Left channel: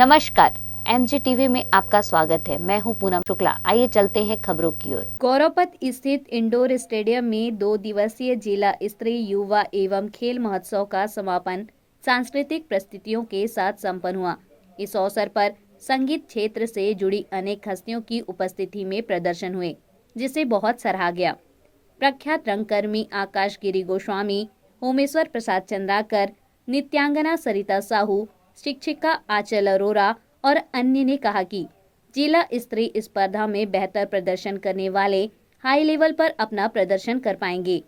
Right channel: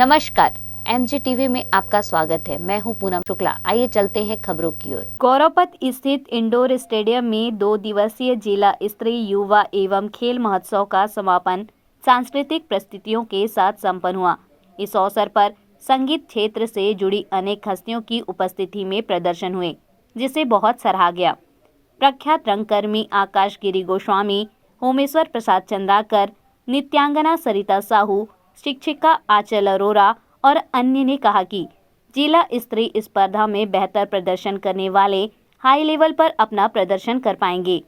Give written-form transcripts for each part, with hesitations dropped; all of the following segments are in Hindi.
नमस्कार, एमजी टीवी में आपका स्वागत है। मैं हूं पूनम शुक्ला। आइए चलते हैं खबरों की ओर। गौरवपथ स्थित इंडोर स्टेडियम में 2 दिवसीय जिला स्तरीय युवा एवं खेल महोत्सव का समापन सांस्कृतिक प्रस्तुतियों के साथ संपन्न हुआ। इस अवसर पर संगीत क्षेत्र से जुड़ी अनेक हस्तियों की उपस्थिति में प्रदर्शन हुए, जिसे बहुत सराहा गया। प्रख्यात रंगकर्मी आकाश गिरी गोस्वामी, होमेश्वर प्रसाद चंद्राकर, नित्यांगना सरिता साहू, शिक्षिका आंचल अरोरा और अन्य ने कहा कि जिला स्तरीय स्पर्धा में बेहतर प्रदर्शन करने वाले हाई लेवल पर अपना प्रदर्शन कर पाएंगे।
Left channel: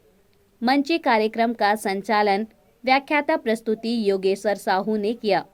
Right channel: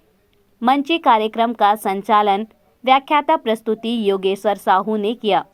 मंची कार्यक्रम का संचालन व्याख्याता प्रस्तुति योगेश्वर साहू ने किया।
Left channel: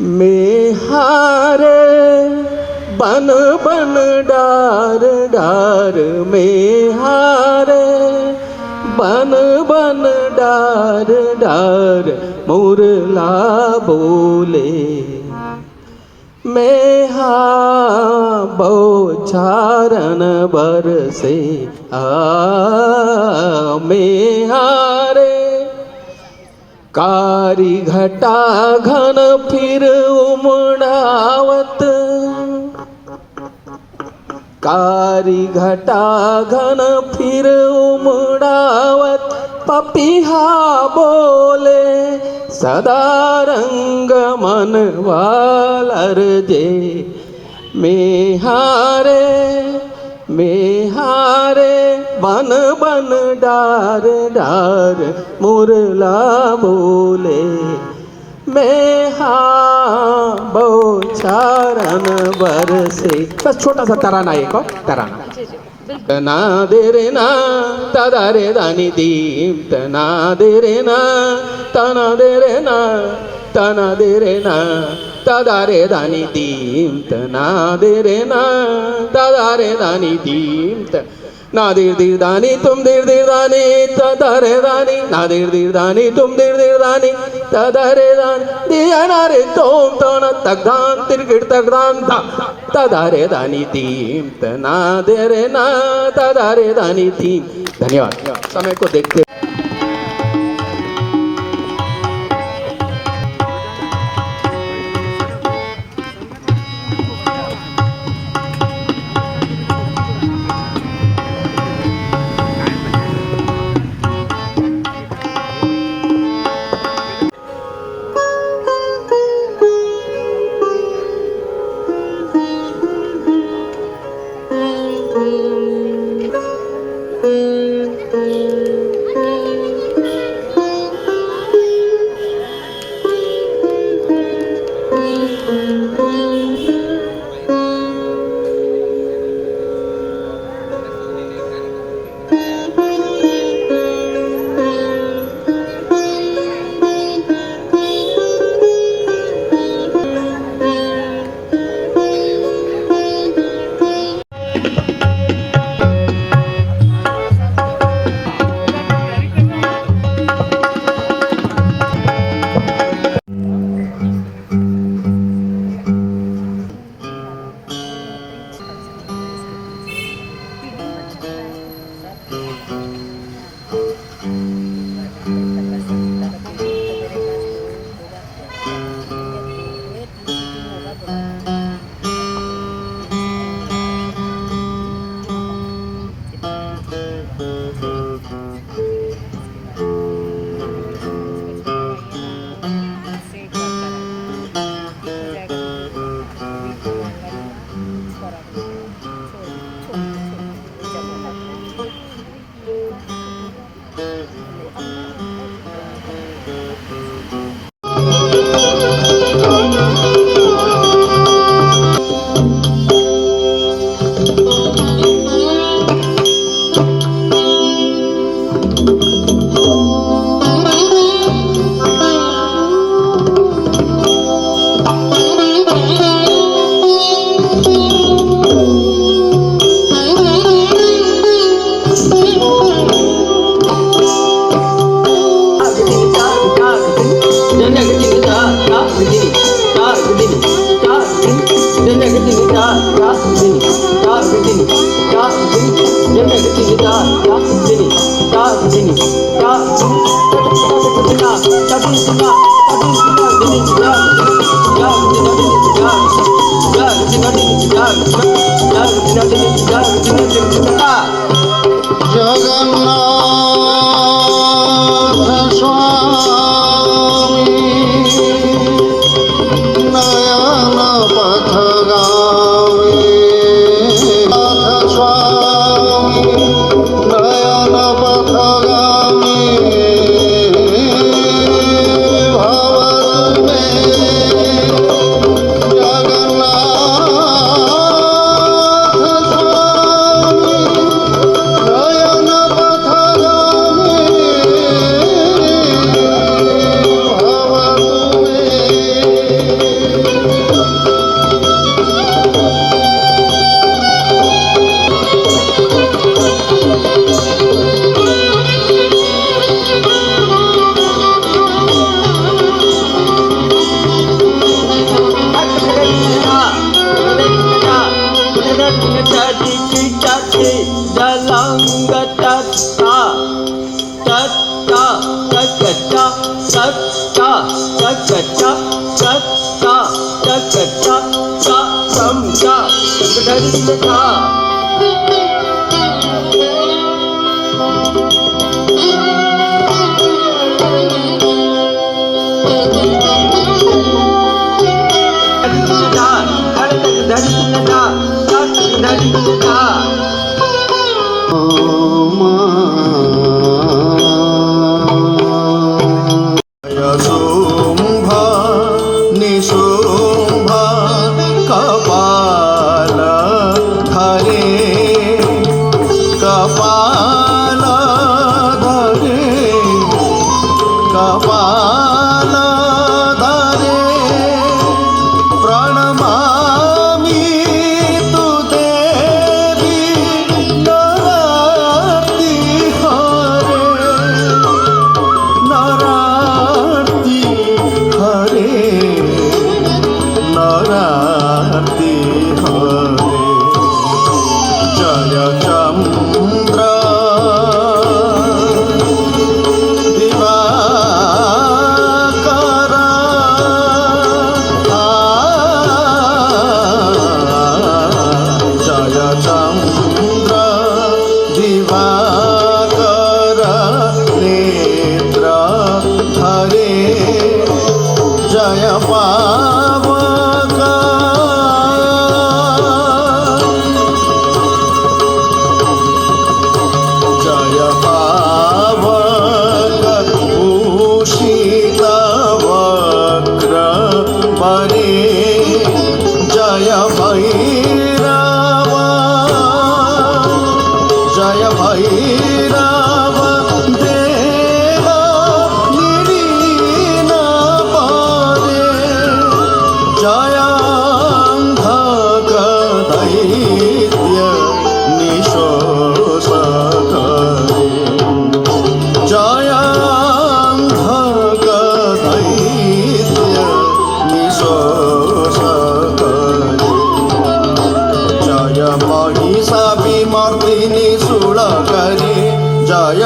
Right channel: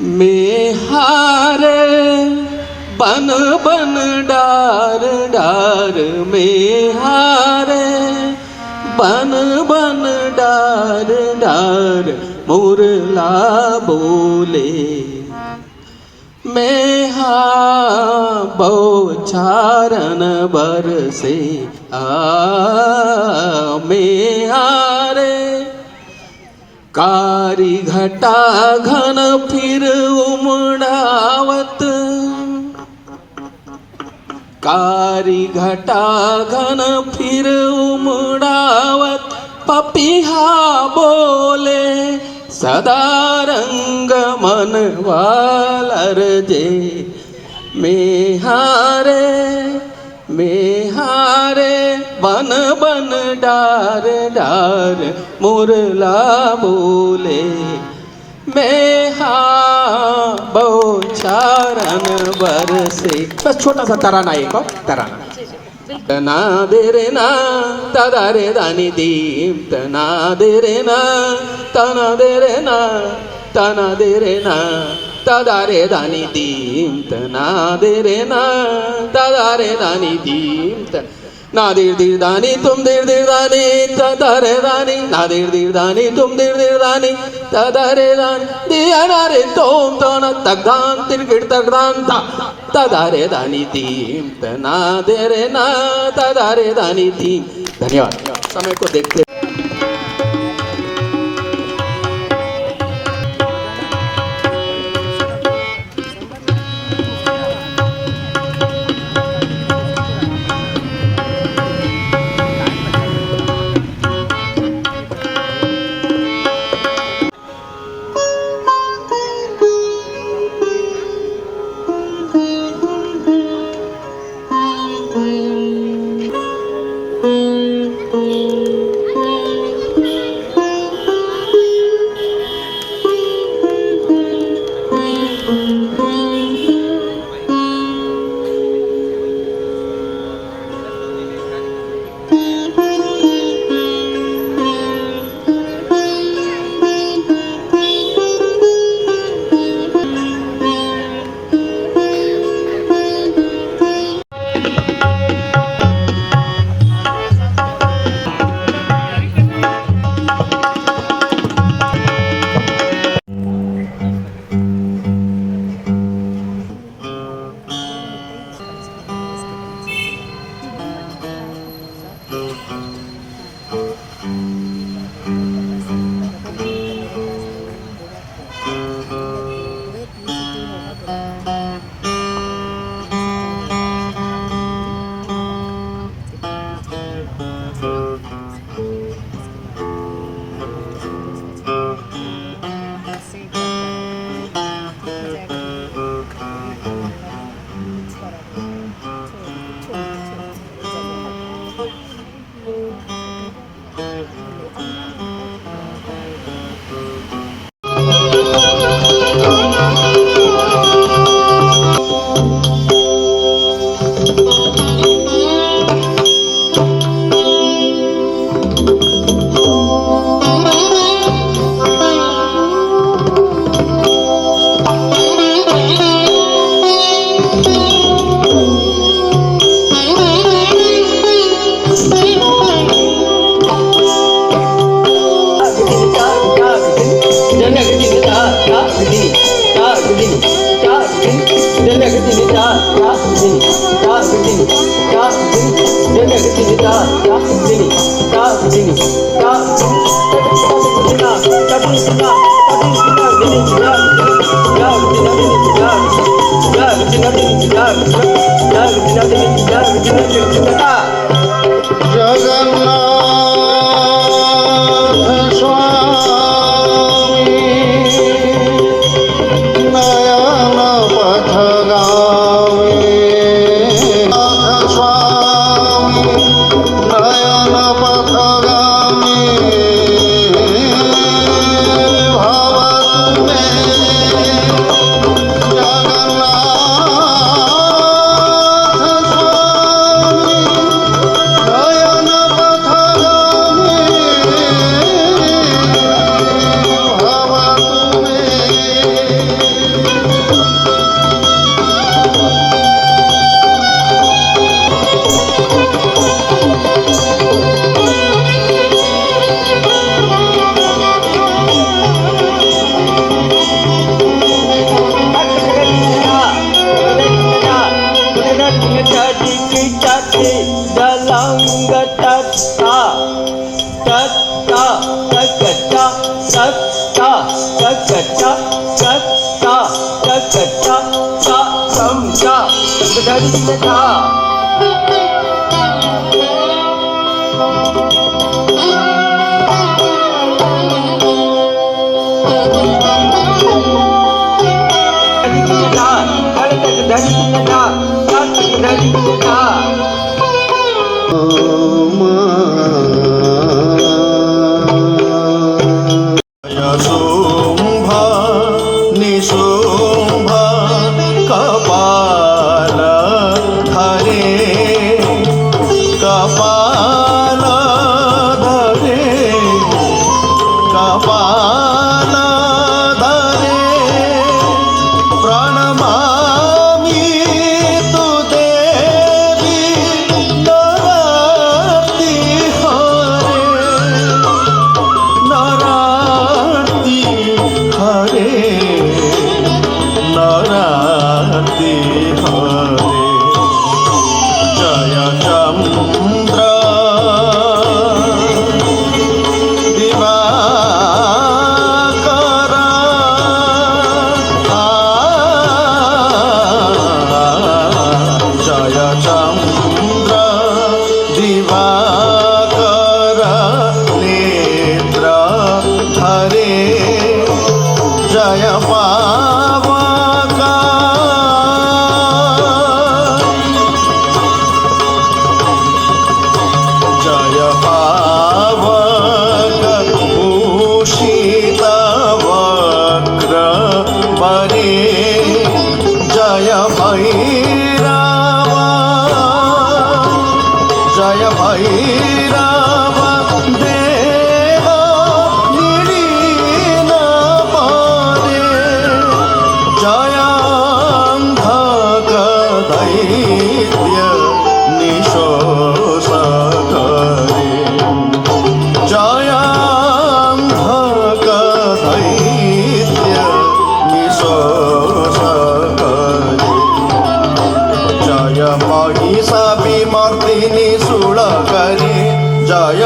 में हारे बन बन डार डार में हारे बन बन डार डार मुरला बोले मैं बौछारन बरसे में हारे कारी घटा घन फिर उमड़ावत कारी घटा घन फिर उमड़ावत पपीहा बोले सदा रंग मन वालर जे मेहारे बन बन डार डार मुरला बोले मैं बौछारन बरसे। बस छोटा सा तराना एक और तराना ना दे रे ना तना रे दानी दीम तना दे रे ना तना दे रे ना तना दे रे ना तना रे दानी दीम तना दे रे ना तना रे दानी दीम ना देर देर दानी तुम देर देर दानी तना रे दानी ना देर देर दानी तुम देर देर दानी तना रे दानी दिया ना रे तुम तना तगदान तिरगिड़ तगदान ता तना रे दानी दीम तना दे रे ना तना रे दानी दीम। धन्यवाद। समय को देखते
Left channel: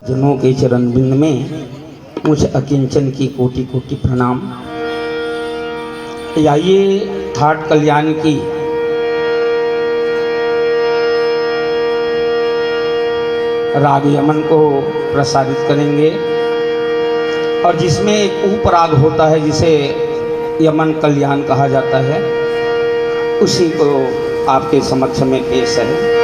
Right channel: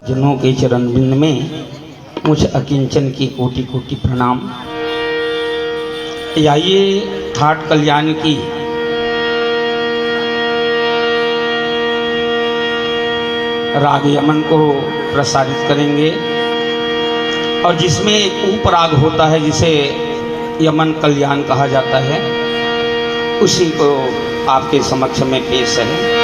जनों के चरण बिंद में मुझ अकिंचन की कोटि कोटि प्रणाम। आइए ठाट कल्याण की राग यमन को प्रसारित करेंगे और जिसमें एक उपराग होता है जिसे यमन कल्याण कहा जाता है, उसी को आपके समक्ष में पेश है।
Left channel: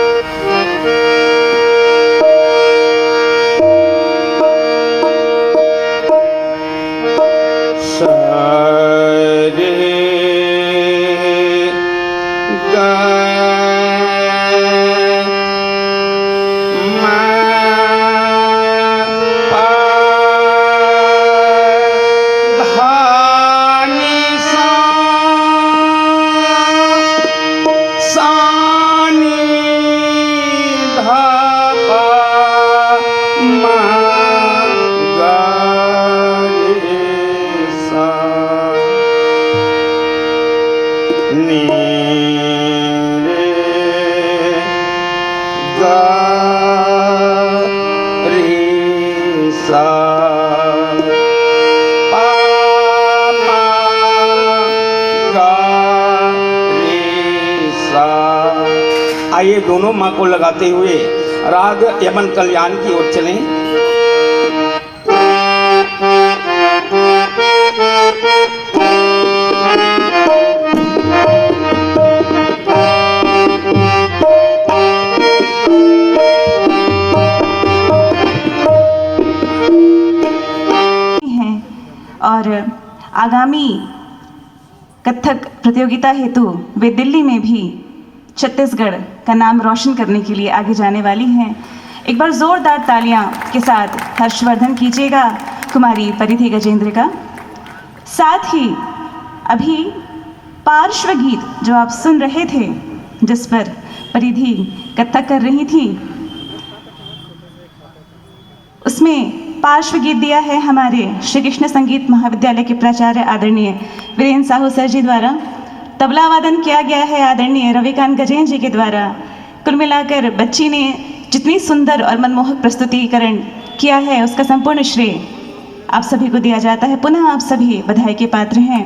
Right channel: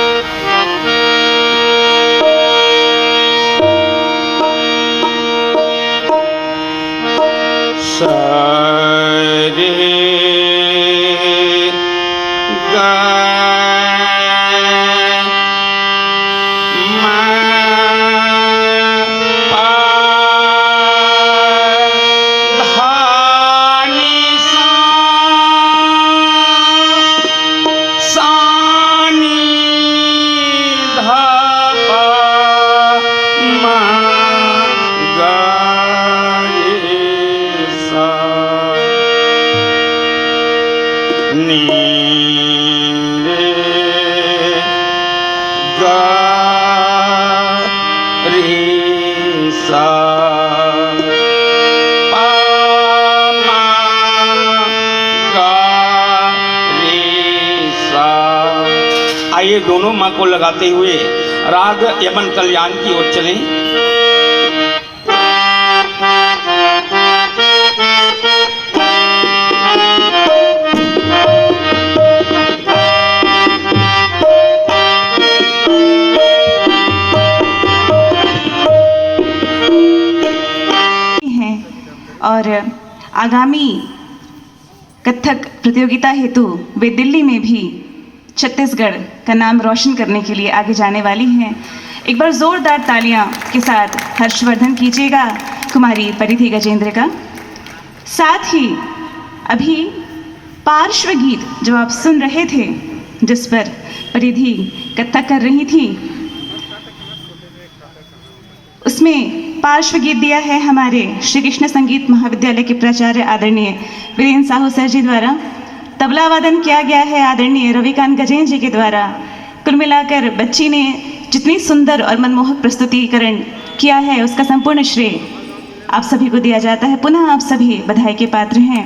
आइए दोनों माँ को लगाते हुए राग यमन कल्याण की ओर चलें। और आगामी कथक प्रतियोगिता हेतु वे दिल्ली में भी छत्तीसगढ़ का नाम रोशन करने के लिए आगे जाने वाली हैं। एक बार जोरदार तालियां के साथ हर्षवर्धन कीजिएगा कुमारी परिधि गजेंद्र का। साथ ही अभी पार्श्व गीत जो आप सुन रहे थे, जिस पर परिधि कथक कर रही थी, उसमें पार्श्व गीत दिया है हमारे श्री कृष्ण संगीत महाविद्यालय के प्राचार्य आदरणीय वीरेंद्र साहू सर जी द्वारा। तबला वादन किया गया है आदरणीय रविकांत गजेंद्र जी के द्वारा। कुल मिलाकर बच्ची ने जितनी सुंदर और मनमोहक प्रस्तुतिकरण किया है, उसका संपूर्ण श्रेय आप सभी को दिया जाता है। पुनः आप सभी बधाई के पात्र हैं।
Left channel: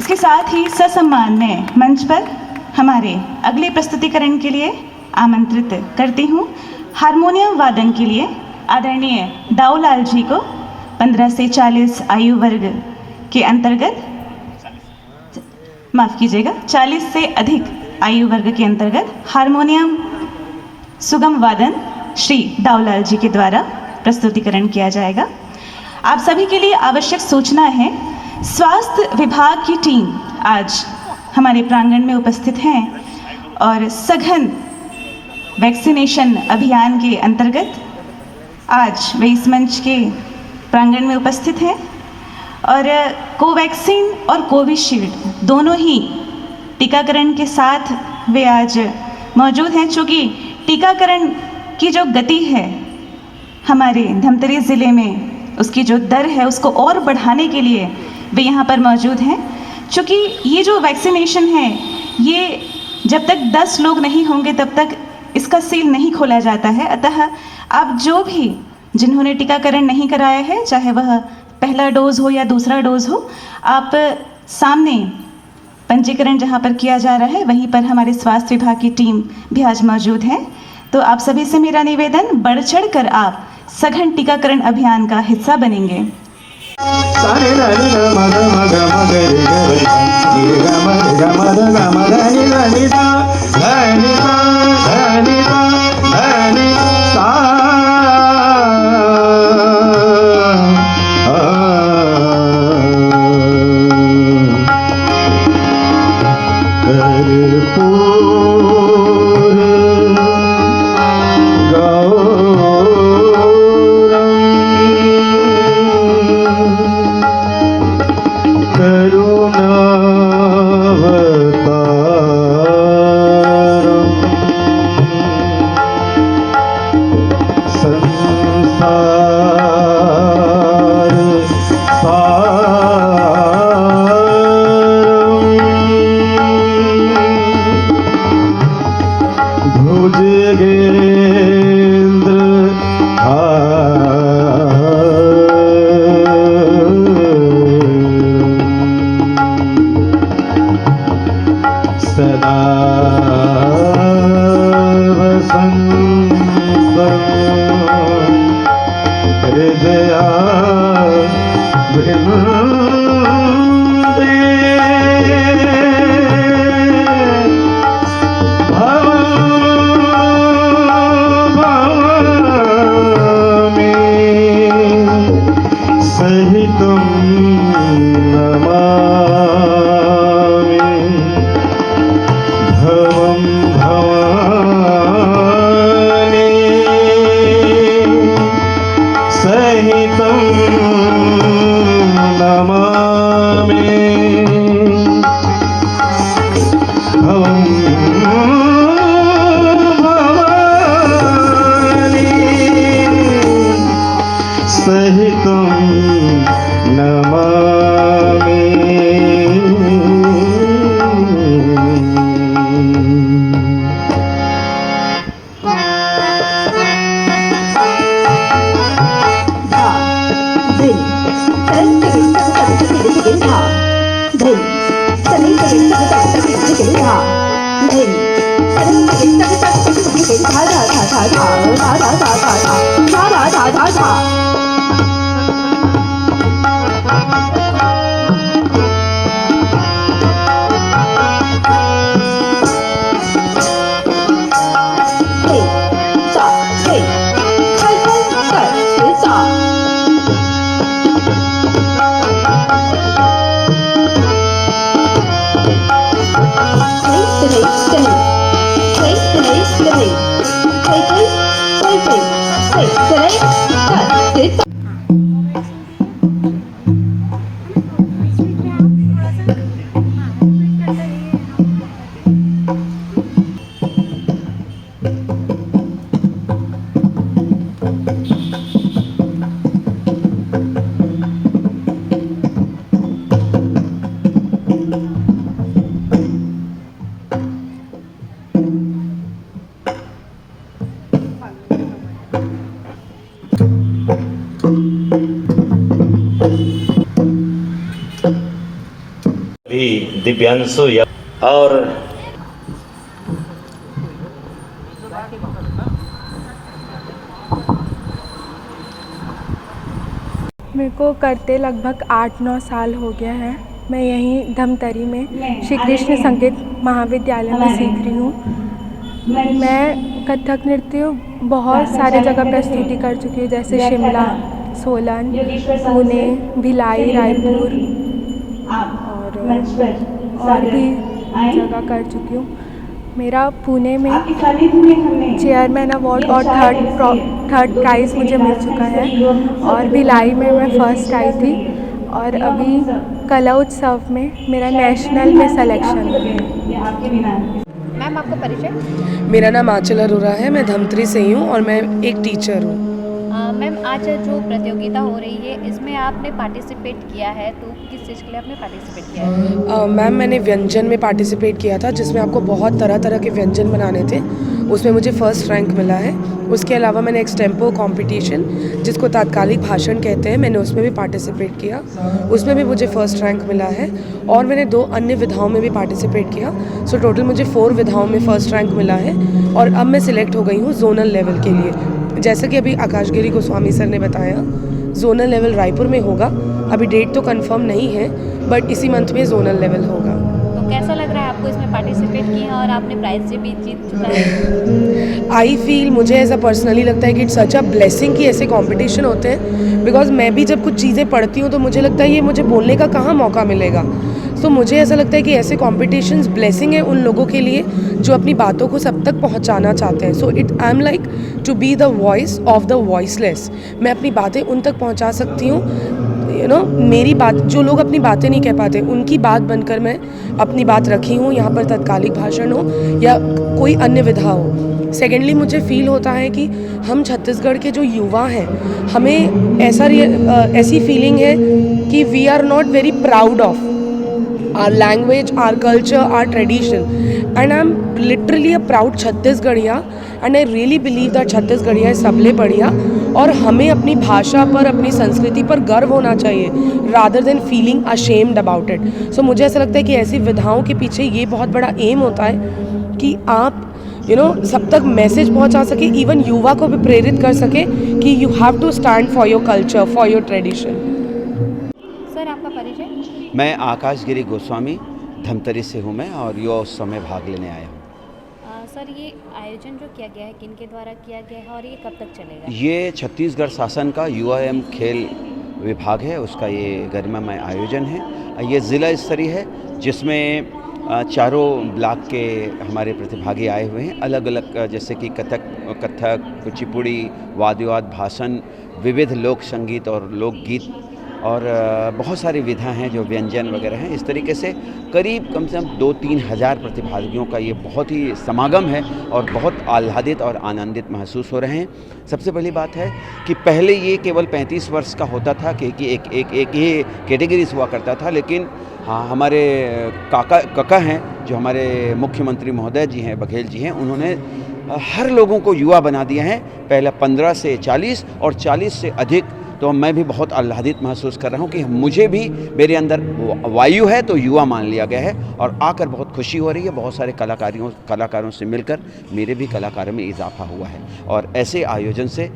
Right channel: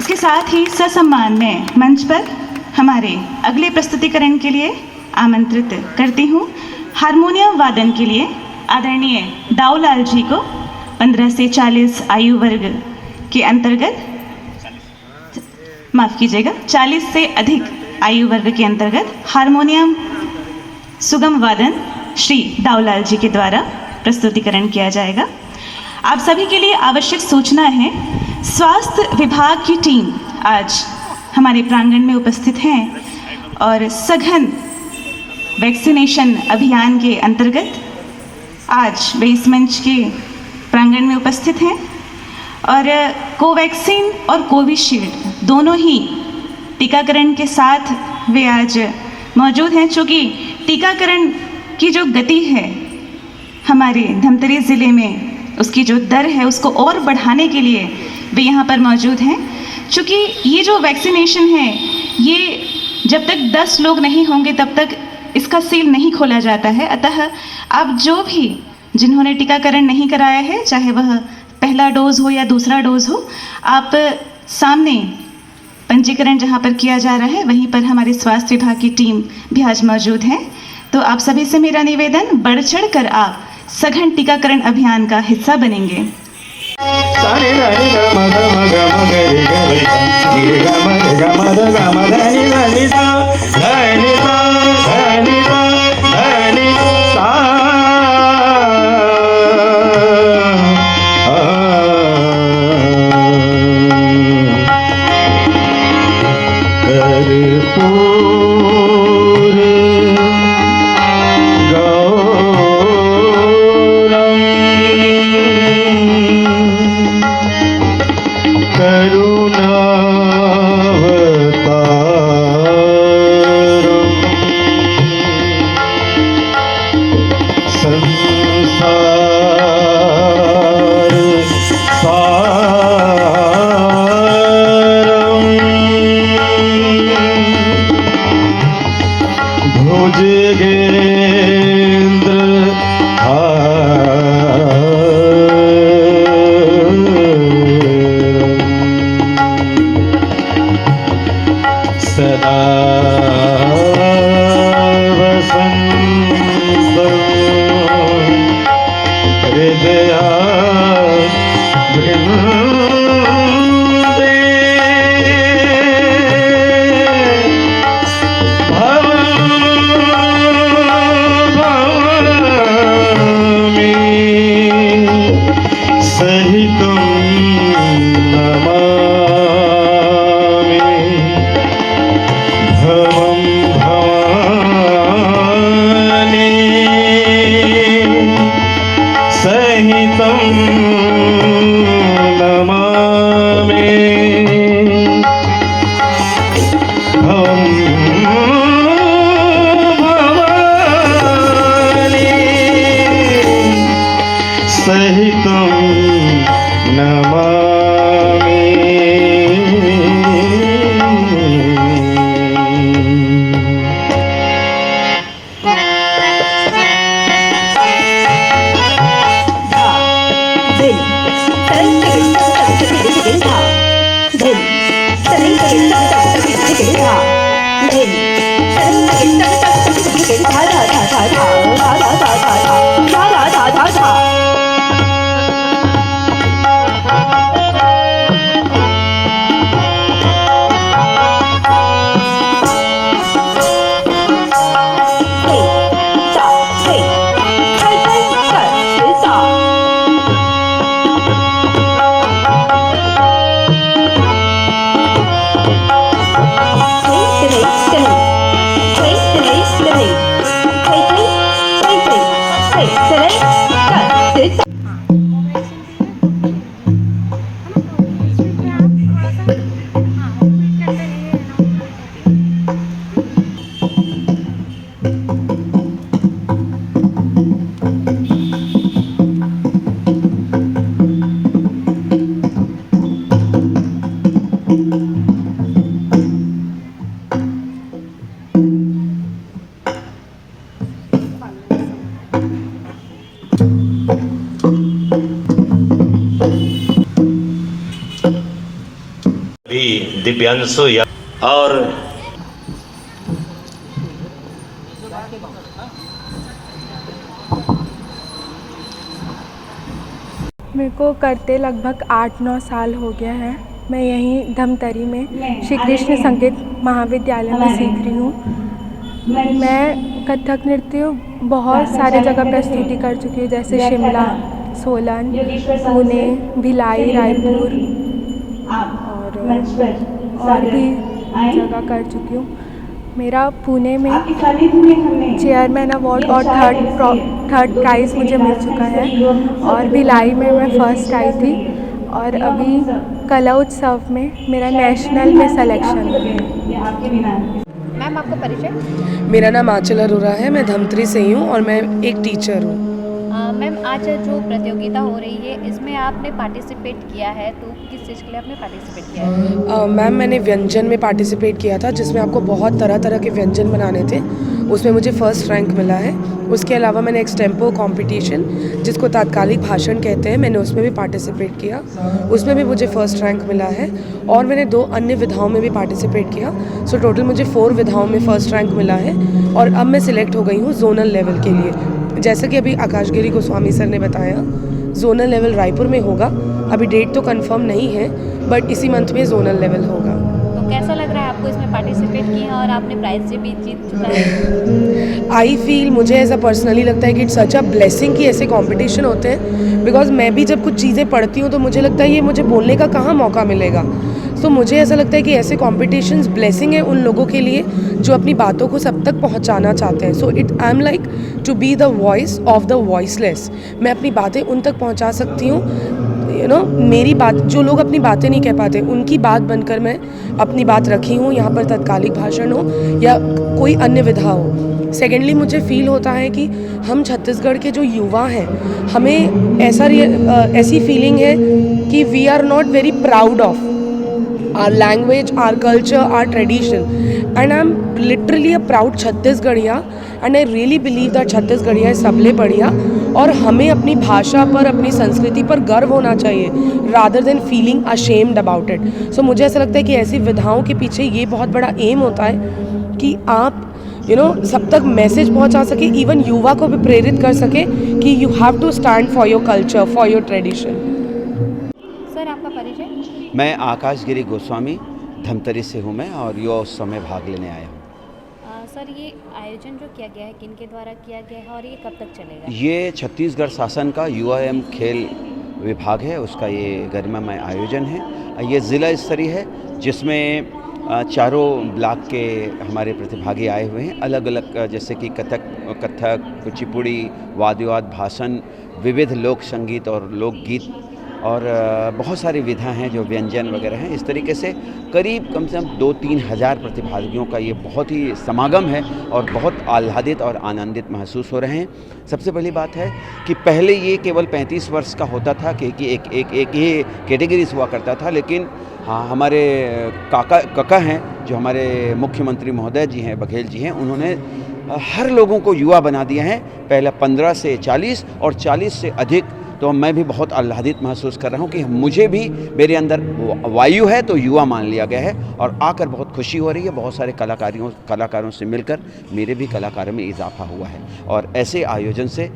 इसके साथ ही ससम्मान में मंच पर हमारे अगले प्रस्तुतिकरण के लिए आमंत्रित करती हूँ हारमोनियम वादन के लिए आदरणीय दाऊलाल जी को 15 से 40 आयु वर्ग के अंतर्गत, माफ कीजिएगा 40 से अधिक आयु वर्ग के अंतर्गत हारमोनियम सुगम वादन श्री दाऊलाल जी के द्वारा प्रस्तुतिकरण किया जाएगा। आप सभी के लिए आवश्यक सूचना है, स्वास्थ्य विभाग की टीम आज हमारे प्रांगण में उपस्थित हैं और सघन वैक्सीनेशन अभियान के अंतर्गत आज वे इस मंच के प्रांगण में उपस्थित हैं और कोवैक्सीन और कोविशील्ड दोनों ही टीकाकरण के साथ वे आज मौजूद हैं। चूँकि टीकाकरण की जो गति है हमारे धमतरी ज़िले में, उसकी जो दर है उसको और बढ़ाने के लिए वे यहाँ पर मौजूद हैं। चूँकि ये जो वैक्सीनेशन है, ये जब तक 10 लोग नहीं होंगे तब तक इसका सील नहीं खोला जाता है। अतः आप जो भी जिन्होंने टीकाकरण नहीं कराया है, चाहे वह पहला डोज हो या दूसरा डोज हो, आप सामने पंजीकरण जहाँ पर किया जा रहा है वहीं पर हमारे स्वास्थ्य विभाग की टीम भी आज मौजूद है। तो आप सभी से मेरा निवेदन, बढ़ चढ़ कर आप सघन टीकाकरण अभियान का हिस्सा बनेंगे। दिव्यांशु और मेरे को करते लगभग 8-9 साल हो गया है। मैं यहीं धमतरी में श्री कृष्ण संगीत महाविद्यालय में सीख रही हूँ। मैं कथक नृत्य बहुत सारे जगह प्रस्तुति कर चुकी हूँ, जैसे शिमला, सोलन, पुणे, भिलाई, रायपुर और भी जगह कर चुकी हूँ। मेरा पुणे में चेयरमैन अवार्ड और थर्ड प्राइज़ मुझे मिल चुका है, और भिलाई में मैं फर्स्ट आई थी, और अभी कला उत्सव में मेरा नेशनल में सिलेक्शन है। मैम आपका परिचय? मेरा नाम आंचल अरोरा है, मैं धमतरी से ही हूँ और मैं एक टीचर हूँ। मैम आज जो प्रतियोगिता हो रही है इसमें आपने पार्टिसिपेट किया है, तो किस चीज़ के लिए आपने पार्टिसिपेट किया है? मैम मैंने व्यंजन में पार्टिसिपेट किया था, जिसमें आपको बहुत तरह तरह के व्यंजन बनाने थे। उसमें मुझे फर्स्ट रैंक मिला है। उसके अलावा मैंने एक्सटेम्पो कंपटीशन, जिसको तात्कालिक भाषण कहते हैं, मैंने उसमें भी पार्टिसिपेट किया, उसमें भी मुझे फर्स्ट रैंक मिला है। और मैंने 2 अन्य विधाओं में भी पार्टिसिपेट किया। सो टोटल मुझे 4 विधाओं में फर्स्ट रैंक मिला है, और अब मैं सिलेक्ट हो गई हूँ जोनल लेवल के लिए। जैसा कि अभी आकाशगिरी गोस्वामी सर ने बताया, जोनल लेवल रायपुर में होगा। अभी डेट तो कंफर्म नहीं है, बट इसी मंथ में जोनल लेवल होगा। तो कैसा लग रहा है आपको इसमें पार्टिसिपेट किया और आपने प्राइज़ से भी जीत चुका है? आई फील, मुझे ऐसा पर्सनली लगता है कि इट्स सच अ ब्लेसिंग कि ऐसे कंपटीशन होते हैं। बिकॉज मैं भी जब कुछ चीज़ें पढ़ती हूँ तो मुझे लगता है ये मुझे बोलने का कहाँ मौका मिलेगा। तो मुझे ऐसा लगता है कि ऐसे कॉम्पिटिशन्स ब्लेसिंग है उन लोगों के लिए जो अपनी बातों को सब तक पहुंचाना चाहते हैं। So I am like to be the voice of the voiceless. मैं अपनी बातें उन तक पहुंचा सकती हूँ, यू नो, मेरी बात, जो लोग अपनी बातें नहीं कह पाते उनकी बात बनकर मैं अपनी बात रखी हूँ। यहाँ पर तत्कालिक भाषण हो या कोई अन्य विधा हो। सेकेंडली मुझे फील होता है कि हम छत्तीसगढ़ के जो युवा हैं, हमें ऐसी फीलिंग है कि we are not very proud of our language, our culture, our tradition, and I'm literally a proud Chhattisgarhiya, and I really believe that Chhattisgarhiya is सबले बढ़िया, और हमें अपनी भाषा पर, अपनी संस्कृति पर गर्व होना चाहिए rather than feeling ashamed about it. So मुझे ऐसा लगता है कि ऐसी विधाओं के पीछे ये बहुत बड़ा एम होता है कि आप सब तक मैसेज पहुंचा सके, इवन युवा को भी प्रेरित कर सके कि you have to stand for your culture, for your tradition. Sir आपका परिचय? मैं आकाशगिरी गोस्वामी धमतरी से हूँ मैं, और युवा उत्सव में भाग लेने आया हूँ। सर ये आयोजन जो किया गया है किनके द्वारा किया गया है और ये कब तक चलेगा? ये छत्तीसगढ़ शासन का युवा एवं खेल विभाग है, उसका ये गरिमामय आयोजन है। ये ज़िला स्तरीय है, जिसमें चारों ब्लॉक के हमारे प्रतिभागी आए हुए हैं। अलग अलग, जैसे कि कथक, कुचिपुड़ी, वाद विवाद, भाषण, विविध लोक संगीत और लोकगीत, और बहुत सारी विधा हैं जो व्यंजन वगैरह हैं। इस तरीके से करीब कम से कम 2-3 हज़ार प्रतिभागियों का ये बहुत ही समागम है, और बहुत आह्लादित और आनंदित महसूस हो रहे हैं। सबसे पहली बात है कि पहले ये केवल 35 वर्ष का होता था, कि एक ये कैटेगरीज हुआ करता था। लेकिन हाँ, हमारे काका हैं जो हमारे मुख्यमंत्री महोदय जी हैं, बघेल जी हैं, उन्होंने हर लोगों को युवा बना दिया है। पहले 15 से 40 और 40 से अधिक, तो मैं भी बहुत आह्लादित महसूस कर रहा हूँ कि मुझे भी मेरे अंदर वायु है तो युवा मान लिया गया है और आकर बहुत खुशी हो रही है। बहुत सारे कलाकारों से मिलकर मेरे भी कलाकारों में इजाफा हुआ है और ऐसे आयोजन से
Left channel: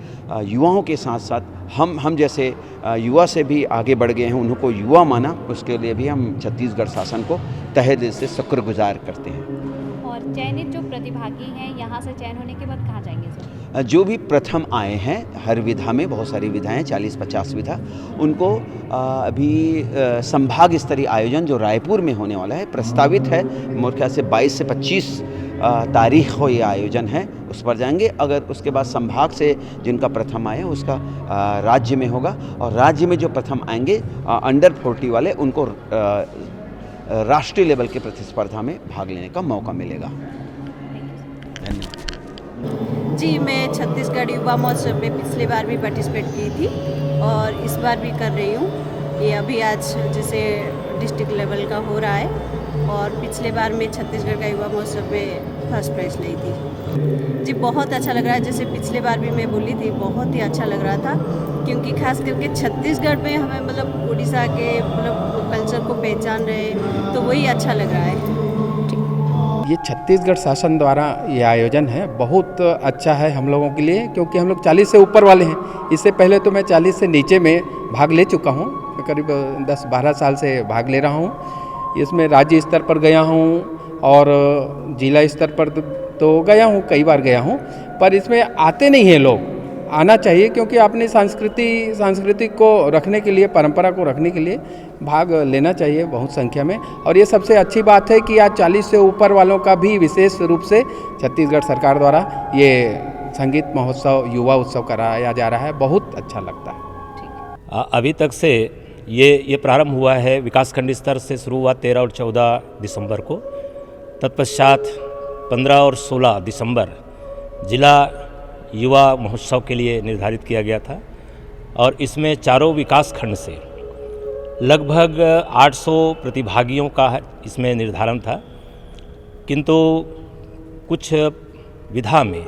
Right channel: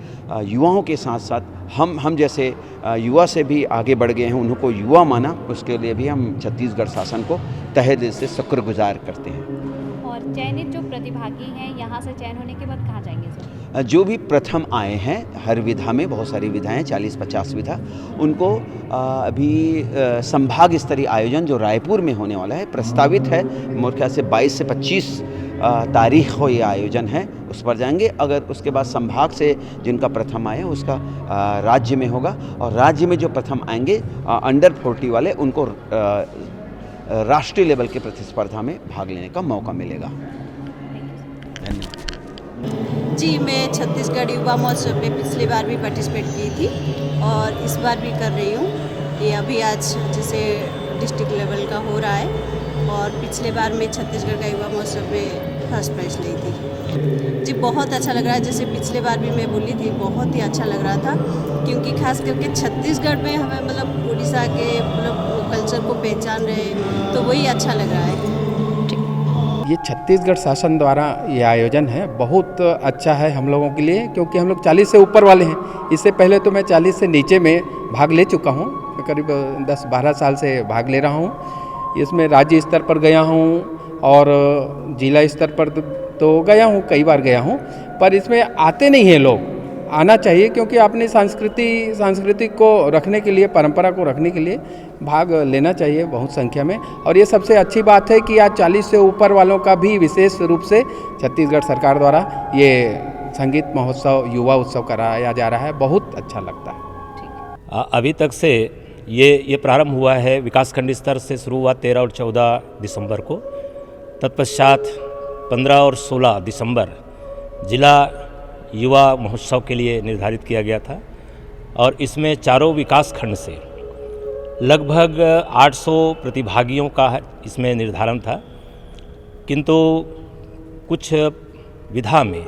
युवाओं के साथ साथ हम जैसे युवा से भी आगे बढ़ गए हैं, उनको युवा माना, उसके लिए भी हम छत्तीसगढ़ शासन को तहे दिल से शुक्रगुजार करते हैं। और चयनित जो प्रतिभागी हैं यहाँ से चयन होने के बाद कहाँ जाएंगे सर? जो भी प्रथम आए हैं हर विधा में, बहुत सारी विधाएं 40-50 विधा, उनको अभी संभाग स्तरीय आयोजन जो रायपुर में होने वाला है प्रस्तावित है। मेरे ख्याल से 22 से 25 तारीख को ये आयोजन है, उस पर जाएंगे। अगर उसके बाद संभाग से जिनका प्रथम आया उसका राज्य में होगा और राज्य में जो प्रथम आएंगे अंडर 40 वाले, उनको राष्ट्रीय लेवल के प्रतिस्पर्धा में भाग लेने का मौका मिलेगा। धन्यवाद। जी, मैं छत्तीसगढ़ युवा महोत्सव में पिछली बार भी पार्टिसिपेट की थी और इस बार भी कर रही हूँ। ये अभी आज जैसे डिस्ट्रिक्ट लेवल का हो रहा है और पिछले बार मैं छत्तीसगढ़ का युवा महोत्सव में फर्स्ट प्राइज़ ली थी। जी, बहुत अच्छा लग रहा है। जैसे पिछले बार भी मैं बोली थी, बहुत ही अच्छा लग रहा था क्योंकि खास करके छत्तीसगढ़ में हमें मतलब उड़ीसा के मतलब कल्चर को पहचान रहे, तो वही अच्छा लग रहा है। ये छत्तीसगढ़ शासन द्वारा ये आयोजन है, बहुत अच्छा है हम लोगों के लिए क्योंकि हम लोग 40 से ऊपर वाले हैं। इससे पहले तो मैं 40 से नीचे में भाग ले चुका हूँ, करीब 10-12 साल से भाग ले रहा हूँ। इसमें राज्य स्तर पर गया हूँ और जिला स्तर पर तो गया हूँ, कई बार गया हूँ, पर इसमें आते नहीं हैं लोग। आना चाहिए क्योंकि अपनी संस्कृति को रखने के लिए, परंपरा को रखने के लिए भाग लेना चाहिए बहुत संख्या में। और ये सबसे अच्छी बात है कि आज 40 से ऊपर वालों का भी विशेष रूप से छत्तीसगढ़ सरकार द्वारा ये संगीत महोत्सव, युवा उत्सव कराया जा रहा है, बहुत अच्छा लगता है। अभी तक से ये प्रारंभ हुआ है, विकासखंड स्तर से शुरू हुआ 13 और 14 दिसंबर को। तत्पश्चात 15 और 16 दिसंबर जिला युवा महोत्सव के लिए निर्धारित किया गया था और इसमें चारों विकास खंड से लगभग 800 प्रतिभागियों का इसमें निर्धारण था, किंतु कुछ विधा में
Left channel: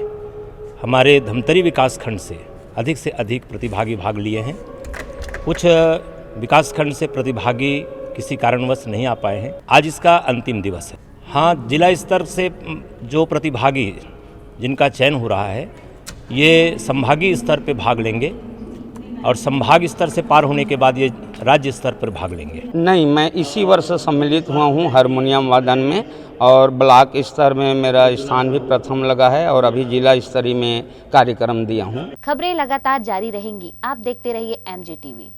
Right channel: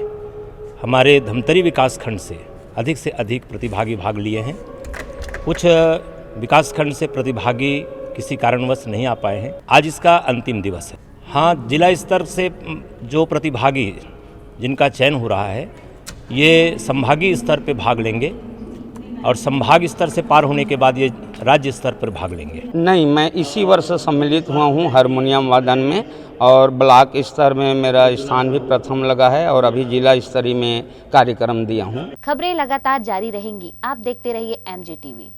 हमारे धमतरी विकास खंड से अधिक प्रतिभागी भाग लिए हैं। कुछ विकास खंड से प्रतिभागी किसी कारणवश नहीं आ पाए हैं। आज इसका अंतिम दिवस है। हाँ, जिला स्तर से जो प्रतिभागी जिनका चयन हो रहा है ये संभागीय स्तर पर भाग लेंगे और संभाग स्तर से पार होने के बाद ये राज्य स्तर पर भाग लेंगे। नहीं, मैं इसी वर्ष सम्मिलित हुआ हूँ हारमोनियम वादन में और ब्लॉक स्तर में मेरा स्थान भी प्रथम लगा है और अभी जिला स्तरीय में कार्यक्रम दिया हूँ। खबरें लगातार जारी रहेंगी, आप देखते रहिए MG TV।